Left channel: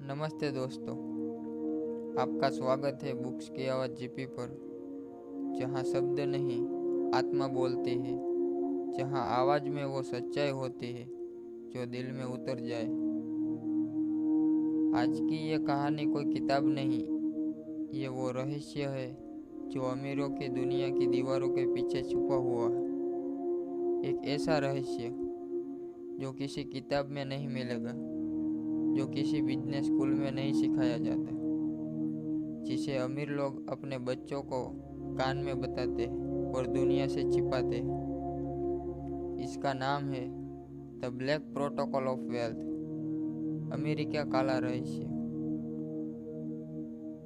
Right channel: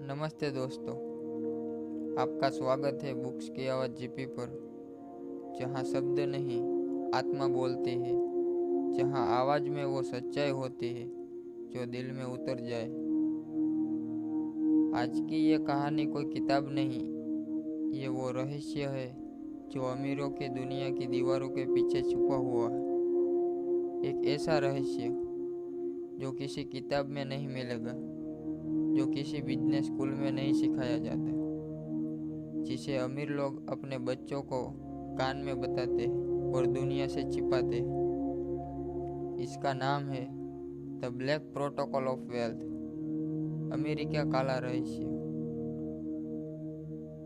नमस्ते दोस्तों, आपका स्वागत है बुक्स की आवाज़ जीपी पर, जहाँ शब्द नहीं आत्मा बोलती है, जहाँ आवाज़ में वो सच्चाई होती है जो दिल में उतर जाए। आज की ये कहानी कोई किताब नहीं, ये वो रहस्य है जो अमीरों की दुनिया की दीवारों के पीछे छुपा हुआ है। एक ऐसा रहस्य जो किसी किताब में नहीं मिलेगा, जो किसी बिजनेस स्कूल में नहीं सिखाया जाता, जिसे अमीर लोग अपने बच्चों को कान में बताते हैं और दुनिया से छिपाते हैं। इसका नाम है the black protocol of wealth, अमीरी का काला रहस्य।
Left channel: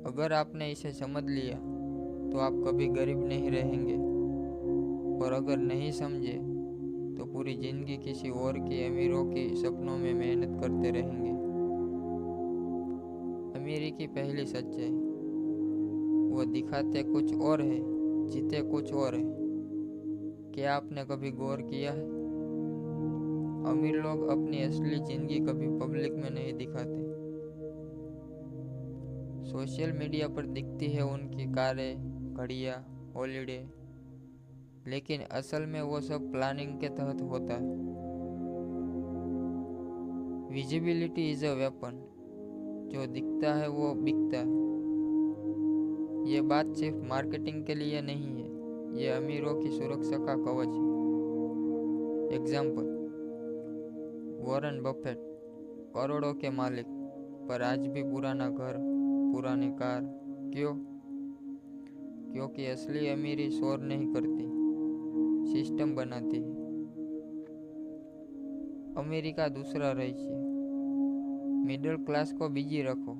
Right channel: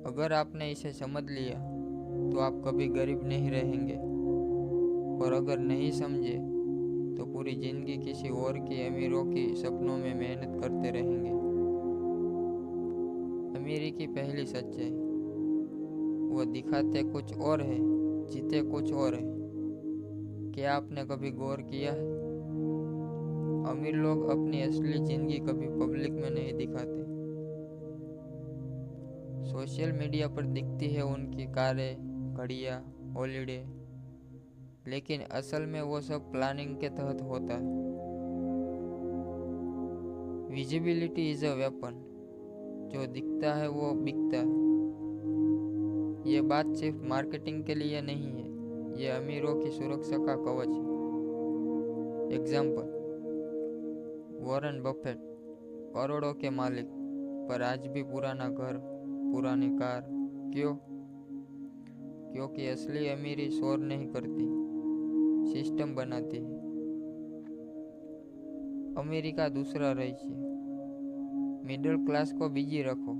अगर आपने इसे समझ लिया तो आप कभी गरीब नहीं रहेंगे, और अगर नहीं समझे तो पूरी जिंदगी किसी और के अमीरों की सपनों में मेहनत करते रहेंगे। अमीरी की पहली सच्चाई, वो दिखाते कुछ और है, जीते कुछ और है। क्या आपने कभी गौर किया है? अमीर लोग अपनी असली जिंदगी कभी पब्लिक में नहीं दिखाते। सोशल मीडिया पर दिखती है उनकी कारें, घड़ियाँ, हॉलीडे, लेकिन असल में वो सब प्लानिंग के तहत होता है। विजिबिलिटी इज अ वेपन, जो दिखता है वो बिकता है। ये बात सिर्फ मार्केटिंग के लिए नहीं है, ये अमीरों की सुरक्षा का कवच है। एग्जाम्पल, वॉरेन बफेट, करोड़ों के मालिक, पर आज भी पुराना घर, पुरानी कार। क्यों? क्योंकि असली अमीरी शोर नहीं करती, सिस्टम बनाती है। अमीरी का दूसरा रहस्य, मिडिल क्लास को बिजी रखो।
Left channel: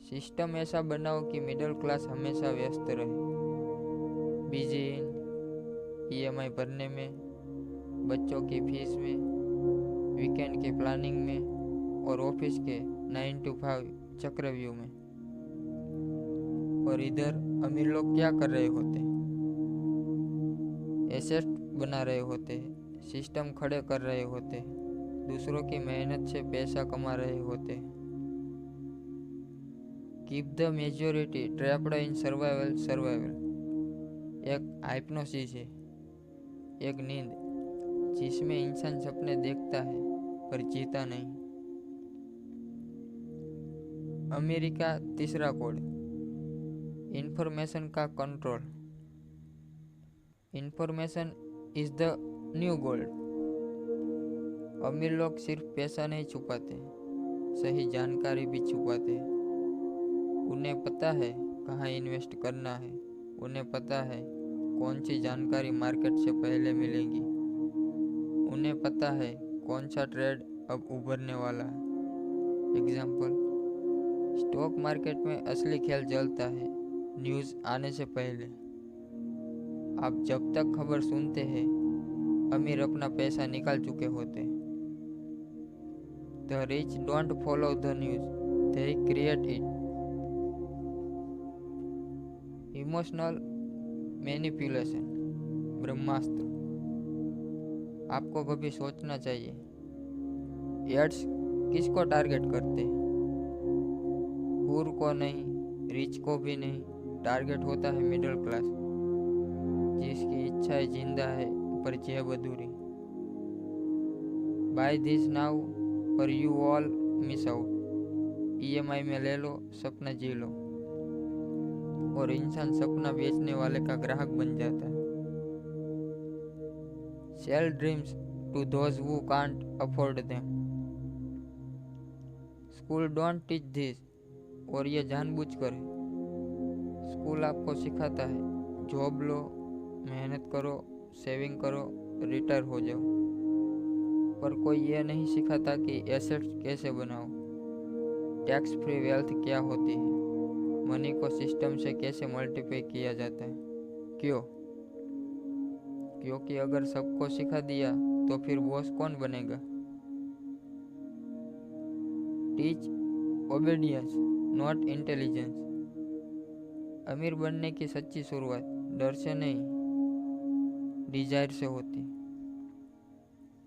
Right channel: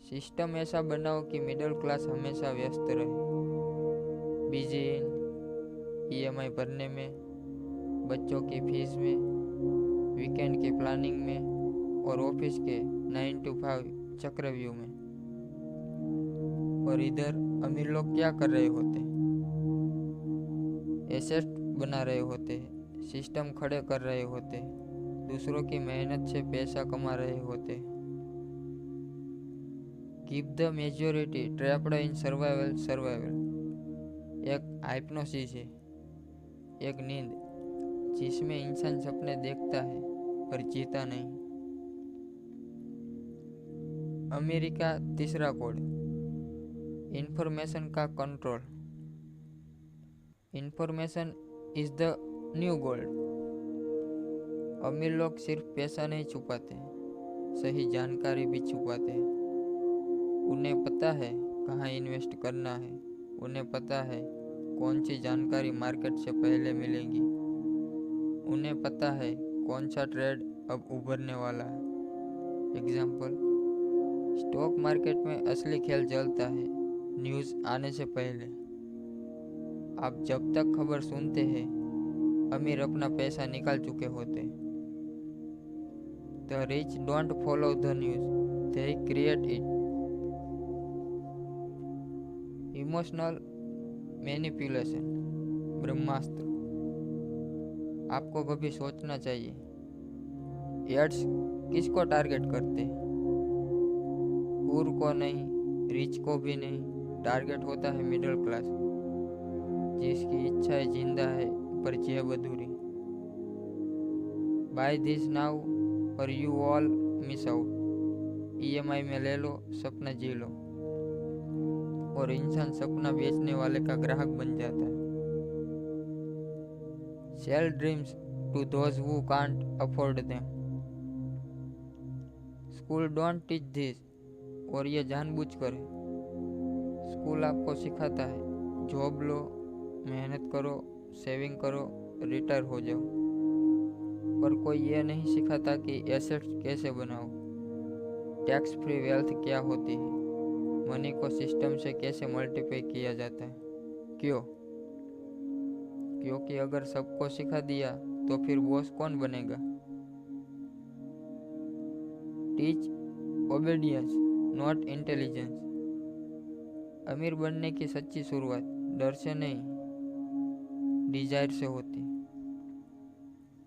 सिस्टम ऐसा बनाओ कि मिडिल क्लास हमेशा व्यस्त रहे, बिजी इन ईएमआई भरने में, बच्चों की फीस में, वीकेंड की प्लानिंग में, और ऑफिस के 9 to 5 चक्रव्यूह में। और इधर अमीर लोग क्या कर रहे होते? एसेट बना रहे होते, सिस्टम खड़े कर रहे होते, दूसरों की मेहनत से पैसा कमा रहे होते। Keep the majority trapped in survival एक हाइप्नोसिस है, एक नींद जिसमें इंसान सपने देखता है पर जीता नहीं। अमेरिका तीसरा कोड, इंफॉर्मेशन का control. Information is the new gold. अमीर लोग सिर्फ पैसा नहीं छुपाते, सही जानकारी भी छुपाते हैं। उन्हें पता है कहाँ इन्वेस्ट करना है, उन्हें पता है कौन सी जानकारी मार्केट से पहले मिलेगी, उन्हें पता है कौन सा ट्रेड अब उभरने वाला है। एग्जाम्पल, स्टॉक मार्केट में असली खेल चलता है न्यूज़ आने से पहले। आप जब तक खबर सुनते हैं, अमीर अपना पैसा निकाल चुके होते। The rich don't follow the news, they create it. Emotional manipulation, ब्रह्मास्त्र। आपको कभी सोचना चाहिए, एड्स किसको टारगेट करते हैं? पुअर को नहीं, रिच को भी नहीं, टारगेट होता है मिडिल क्लास, जिसकी इच्छाएं जिंदा है पर जेब अधूरी। बाय दिस नाउ और you all miss out. EMI में ले लो, सपना जी लो। और इंसान सपना बेचने वाले का ग्राहक बन जाता है। Sell dreams to those who can't afford them. School don't teach this, और ये जानबूझकर है। स्कूल आपको सिखाता है जॉब लो, मेहनत करो, सेविंग करो, रिटायर हो जाओ, पर कोई ये नहीं सिखाता कि एसेट्स कैसे बनाओ, टैक्स फ्री वेल्थ क्या होती है, मनी को सिस्टम से कैसे मल्टीप्लाई किया जाता है। क्यों? क्योंकि अगर सबको सिखा दिया तो फिर बॉस कौन बनेगा? Teach obedience not intelligence. अमीर बनने की सच्ची शुरुआत डर से नहीं, डिजायर से होती।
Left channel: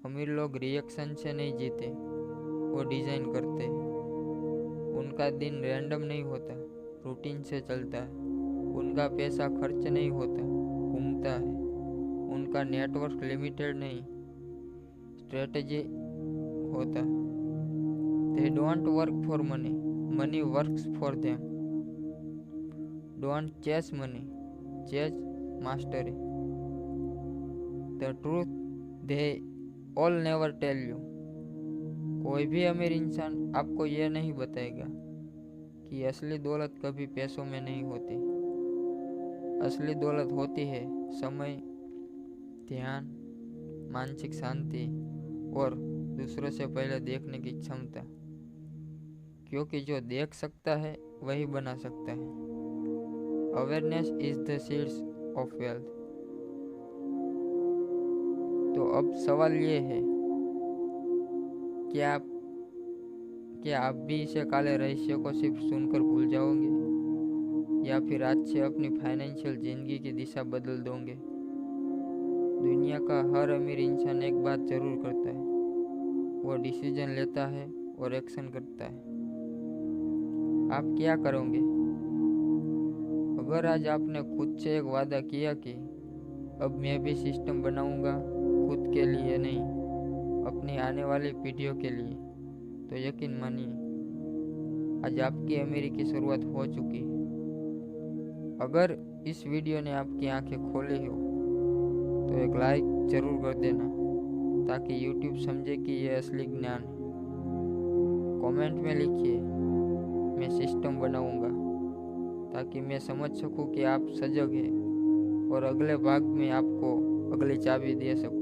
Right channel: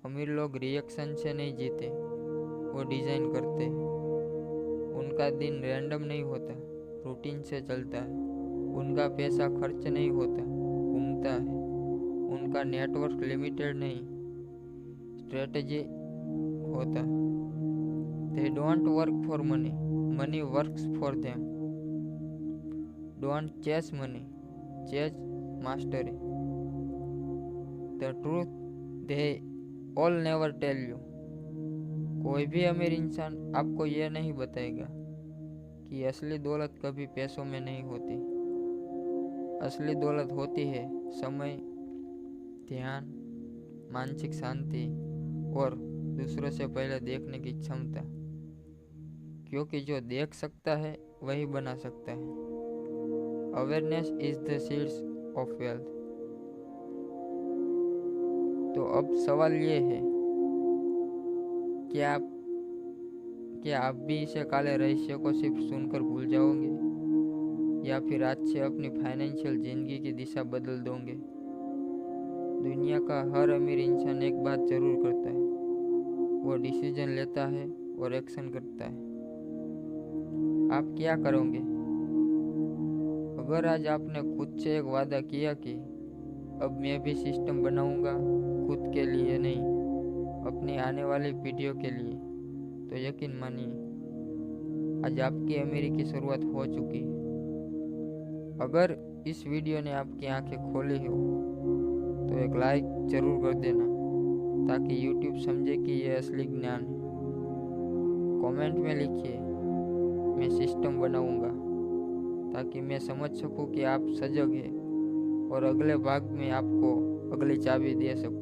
अमीर लोग रिएक्शन से नहीं जीते, वो डिजाइन करते हैं। उनका दिन रैंडम नहीं होता, रूटीन से चलता है। उनका पैसा खर्च नहीं होता, घूमता है। उनका नेटवर्क लिमिटेड नहीं, स्ट्रेटजी होता। They don't work for money, money works for them. Don't chase money, chase mastery. The truth they all never tell you. कोई भी अमीर इंसान आपको यह नहीं बताएगा कि असली दौलत कभी पैसों में नहीं होती। असली दौलत होती है समय, ध्यान, मानसिक शांति और दूसरों से पहले देखने की क्षमता। क्योंकि जो देख सकता है वही बना सकता है। Awareness is the seeds of wealth. तो अब सवाल ये है, क्या आप भी इसे काले रहस्य को सिर्फ सुनकर भूल जाओगे, या फिर आज से अपनी फाइनेंशियल जिंदगी की दिशा बदल दोगे? दुनिया का हर अमीर इंसान एक बात जरूर करता है, वो डिसीजन लेता है और एक्शन करता है। आप क्या करोगे? अगर आज आपने खुद से एक वादा किया कि अब मैं भी सिस्टम बनाऊंगा, खुद के लिए नहीं, अपनी आने वाली पीढ़ियों के लिए, तो यकीन मानिए आज आपकी अमीरी की शुरुआत हो चुकी है। अगर इस वीडियो ने आपकी आंखें खोली हो तो एक लाइक जरूर कर देना, ताकि YouTube समझे कि यह असली ज्ञान है। कमेंट में लिखिए, मैं सिस्टम बनाऊंगा, ताकि मैं समझ सकूं कि आप सजग हैं और अगले भाग में आपको अगली चाबी दे सकूं।